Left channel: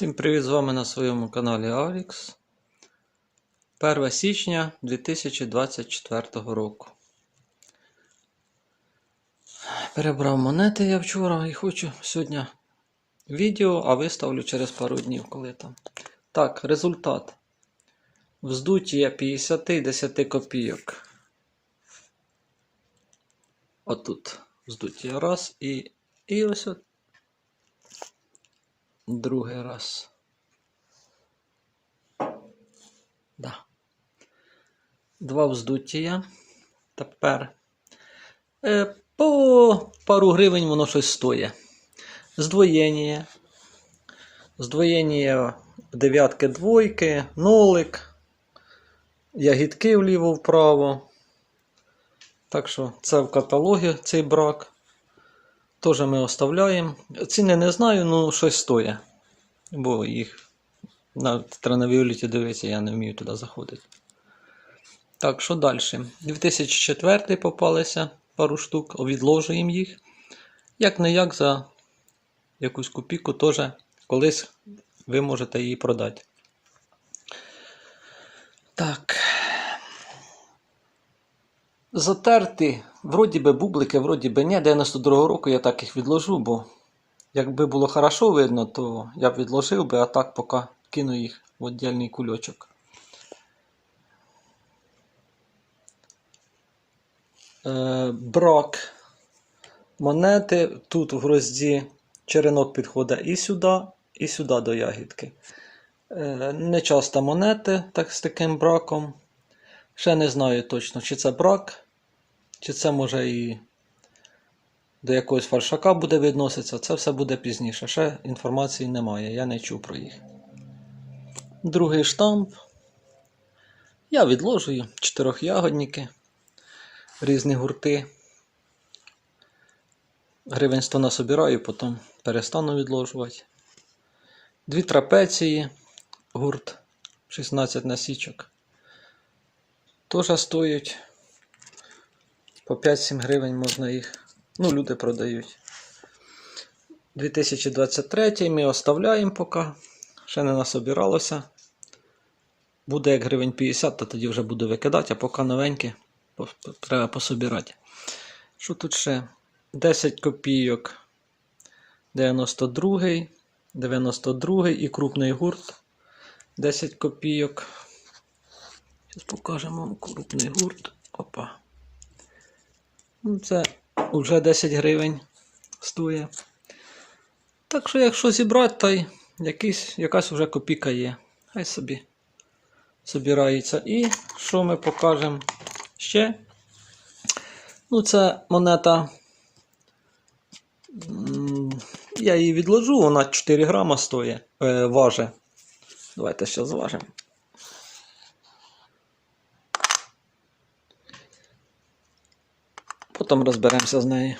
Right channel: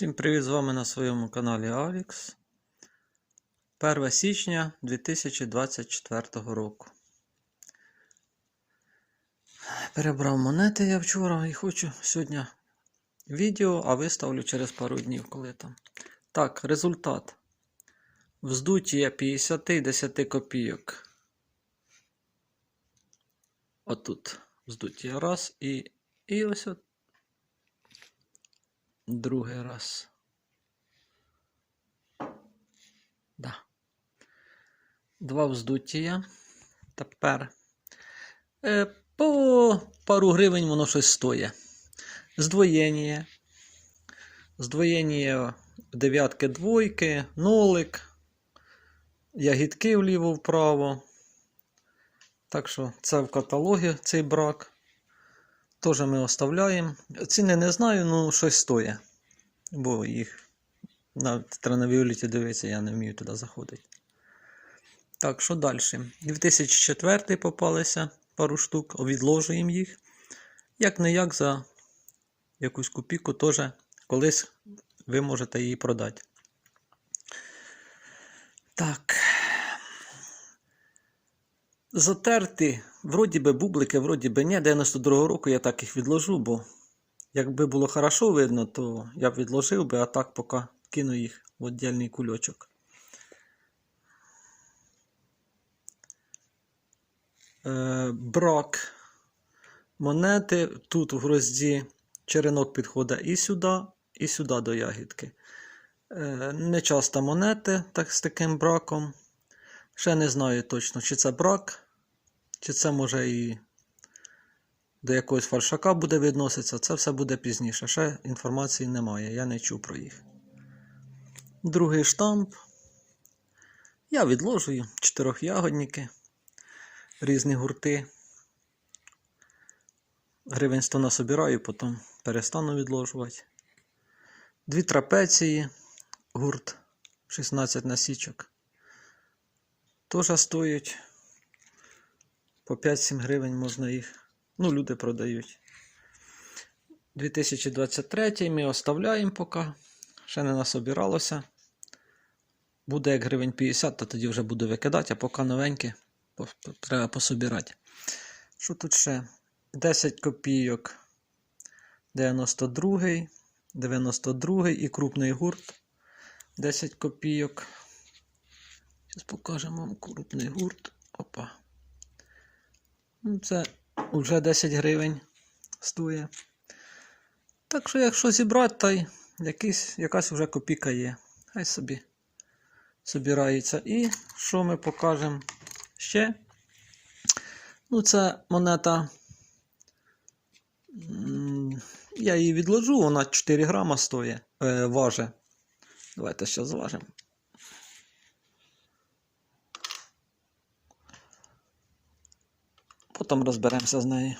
Всім привіт з вами на своєму каналі Avix. 1 січня 2024 року. Перебрав монети я вчора і хочу сьогодні відео, а виставлю через пару днів, коли там. Так, результат. Вздуття 50 і 10 копійок. Отут вздуття раз і, і ось от Другий раз. Да. Два вздуття. Тепер е, по пару гривень воно щось стоїть. Здвоєння. Здвоєння дев'ятки двойки, нолик, ягідки вліво-вправо. Так що це в каталогі цей брак. Теж ми оставляємо. Ціни не знаю, ну щось стоїть. Бо їх на Транавіоліті дивитися, я не вмію туди заходити. Так, що далі? 2004 попалися пару штук, відложуємо їх. Як не як за якусь копійку теж колись ви можете її продати. Так. Затерти, вроді би бублики, вроді би ні. 92-го року я так їх відложу, бо якби було хорошо видно, то я б відложив би, а так поки кину їх в віддільний кульочок. Е, брак монети. Тут в грозді черенок підходить і сюди, і сюди до ягідки. Е, не часто монети так, з таким браком. Ще не знаю точно, чи це брак, чи це може і до якогось фальшака буде відноситися. Це все буде пізніше. Ще інформації немає, я не чув про їх. Другий штамп. Я відложую чотирьохягодники, різні гурти. Гривень 100 насобираю, потім перестану відложувати. Дві трапеції, гурт 16 насічок. Теж стоять по 5-7 гривень можна їх. Ну, люди продають. 2023 ми оставляємо поки. Ще не насобиралося. Буде як гривень 50, то тоді вже буду викидати, а поки новенькі треба пособирати. Що тут ще? 10 копійок. 92, 92 і крупний гурт. 10 копійок. Зараз покажемо вам крупний гурт. Опа. Ну, Це вже 10 гривень стоїть. Так що, якщо зібрати, то якийсь, якась вже копійка є. Хай собі збирається. І що ми покажемо ще? Ну, це монета. Я її відложу, вона 4 грама стоїть, е, важить. Давайте ще зважимо. Потім розберемося з нею.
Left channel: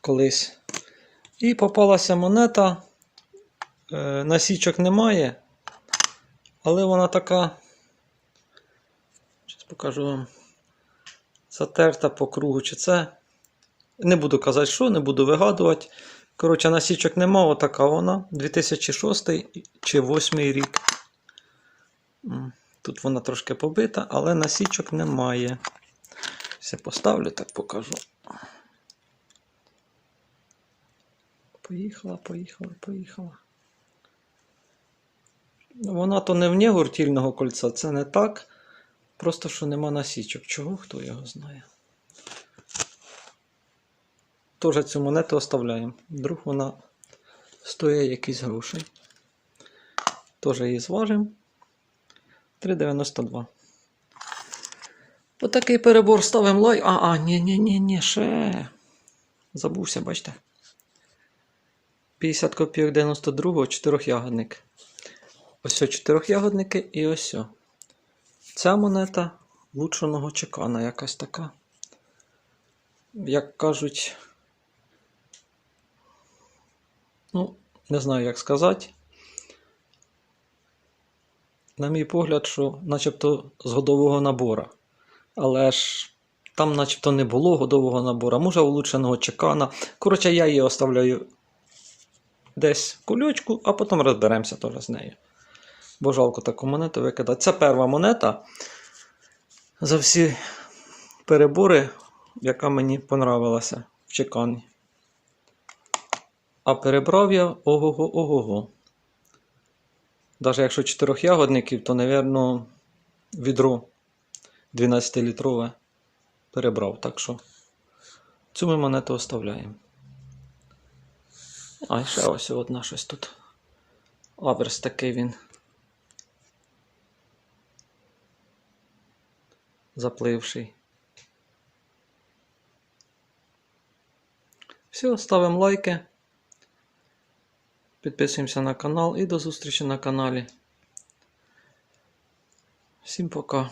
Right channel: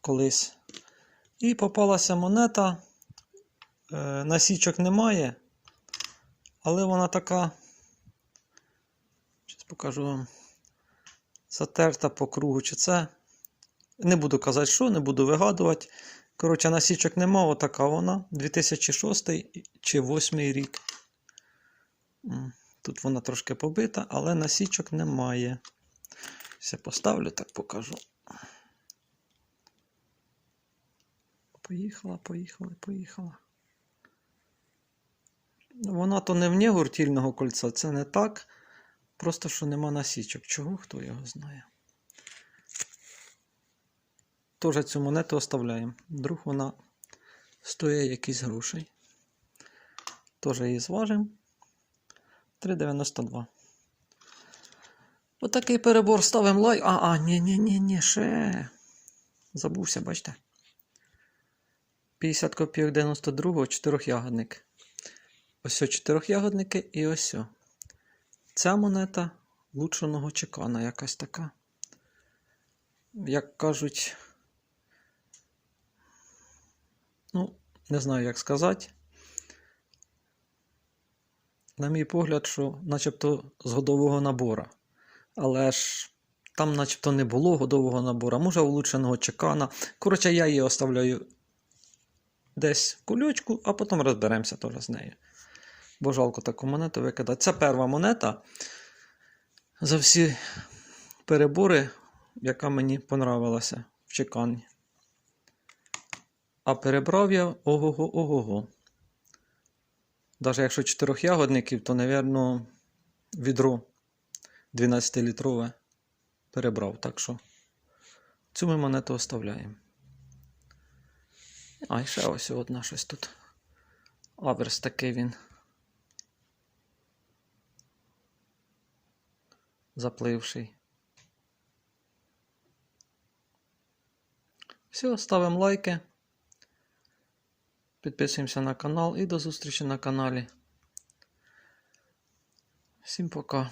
Колись. І попалася монета. Е, насічок немає. Але вона така. Зараз покажу вам. Затерта по кругу. Чи це. Не буду казати, що, не буду вигадувати. Коротше, насічок нема, отака вона. 2006 чи 2008 рік. Тут вона трошки побита, але насічок немає. Все поставлю, так покажу. Поїхала, поїхала, поїхала. Вона то не вне гуртільного кольця, це не так. Просто що нема насічок. Чого хто його знає? Тоже цю монету оставляємо. Вдруг вона стоїть якісь гроші. Теж її зважимо. 3,92. Отакий перебор ставимо лайк. А, а, ні, ні, ні, ні, ще. Забувся, бачите. 50 копійок 92-го, чотирьохягодник. Ось о чотирьохягодники і ось. о. Ця монета лучшеного чекана якась така. Як кажуть. Ну, не знаю, як сказати. На мій погляд, що начебто з годового набора. Але ж там начебто не було годового набору, може улучшеного чекана. Коротше, я її оставляю десь в кульочку, а потім розберемося теж з нею. Бо жалко таку монету викидати. Це перша монета за всі перебори, яка мені понравилася в чеканні. А перебрав я ого-го, ого-го. Навіть якщо чотирьох ягодників, то, напевно, відро 12-літрове перебрав. Так що цю ми монету оставляємо. А, ще ось одна щось тут. Аверс такий він. Запливший. Все, ставимо лайки. Підписуємося на канал і до зустрічі на каналі. Всім пока.